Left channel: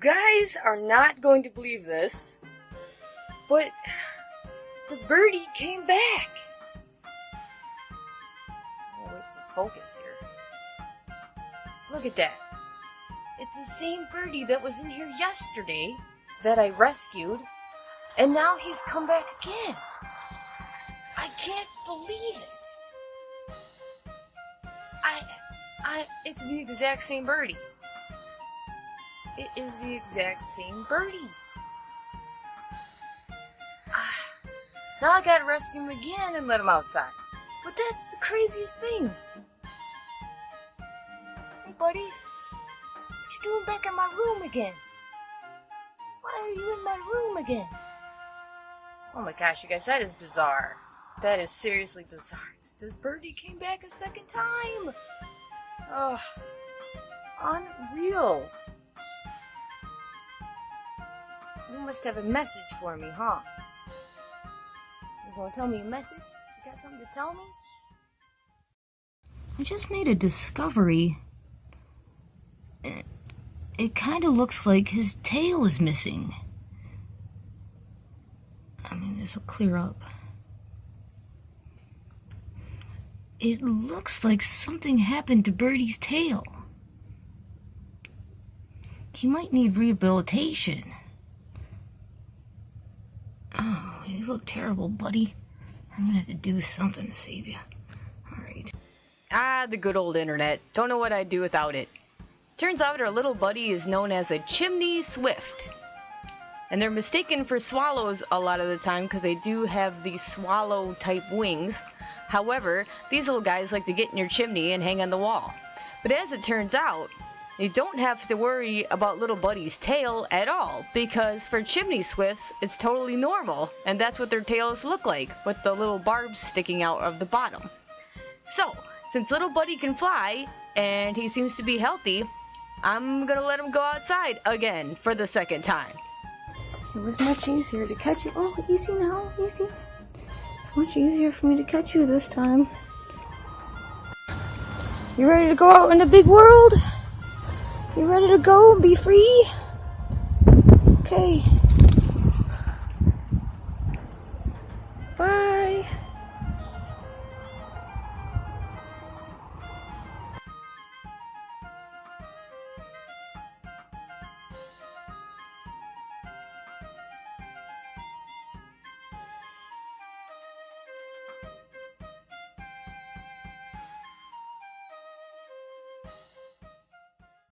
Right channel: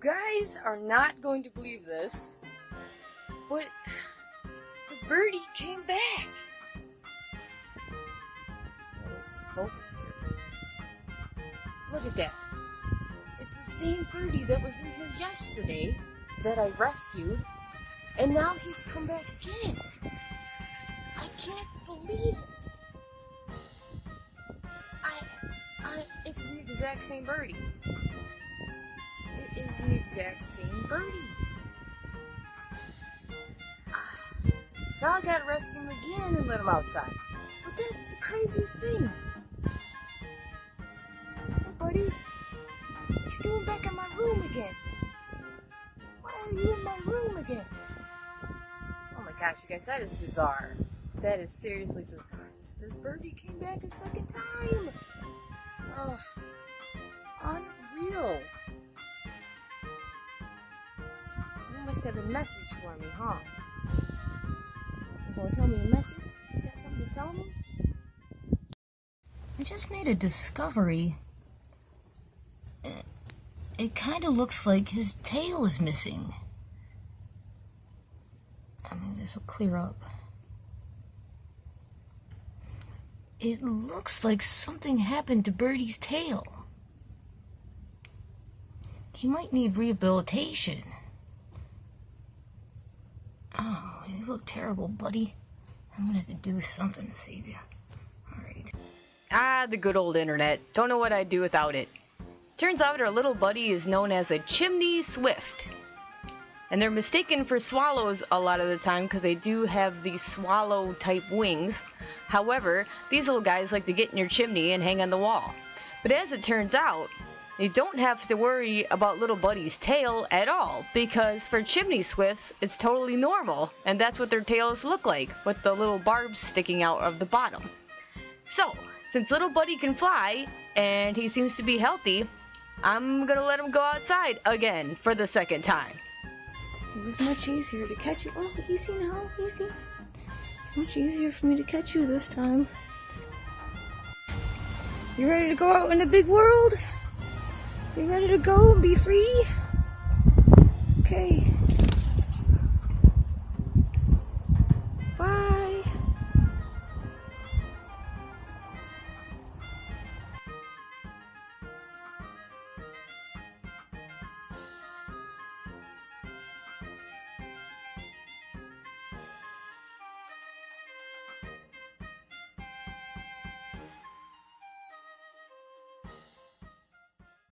guys are not going to believe this, but the birdie came back. Where's the focus here? Look at that. It's the same birdie that was in here yesterday that I rescued, and now he's come back again. I can't believe it. It's the exact same birdie. It is the exact same birdie. Now I gotta rescue him again and let him outside. But that's the craziest thing. Hey buddy, what you doing back in my room again? Why are you in my room again? Oh my gosh, you guys, that is bizarre. That is seriously bizarre. This birdie came back a second time. Oh, unreal. You must have a message for me, huh? Well, tell me a message. You got something to tell me? I just made a discovery. It kind of looks like his tail is missing. I mean, this will clear up. It looks like something happened to Birdie's tail. He might need rehabilitation. Oh, you look terrible, buddy. I'm gonna have to do something to save you. Alright. Ah, the good old internet. Don't know what I'd do without it. Turns out our little buddy is known as a chimney swift. And they're mistaken for swallows a lot of the time because they do have these swallow type wings. However, these little guys like to get in your chimney and hang on the wall. But as it turns out, you don't have to worry about little buddy's tail at all, because for chimney swifts, it's totally normal, and that's what their tails look like, with the little barbs sticking out of the bottom. So, since little buddy can fly, and he seems to be healthy, I'm gonna let him go outside again for the second time. It was much easier to catch you. Oh, easy now, easy. It's much easier for me to catch you this time. You ready to go out in the big world? You ready to go and be free? Okay.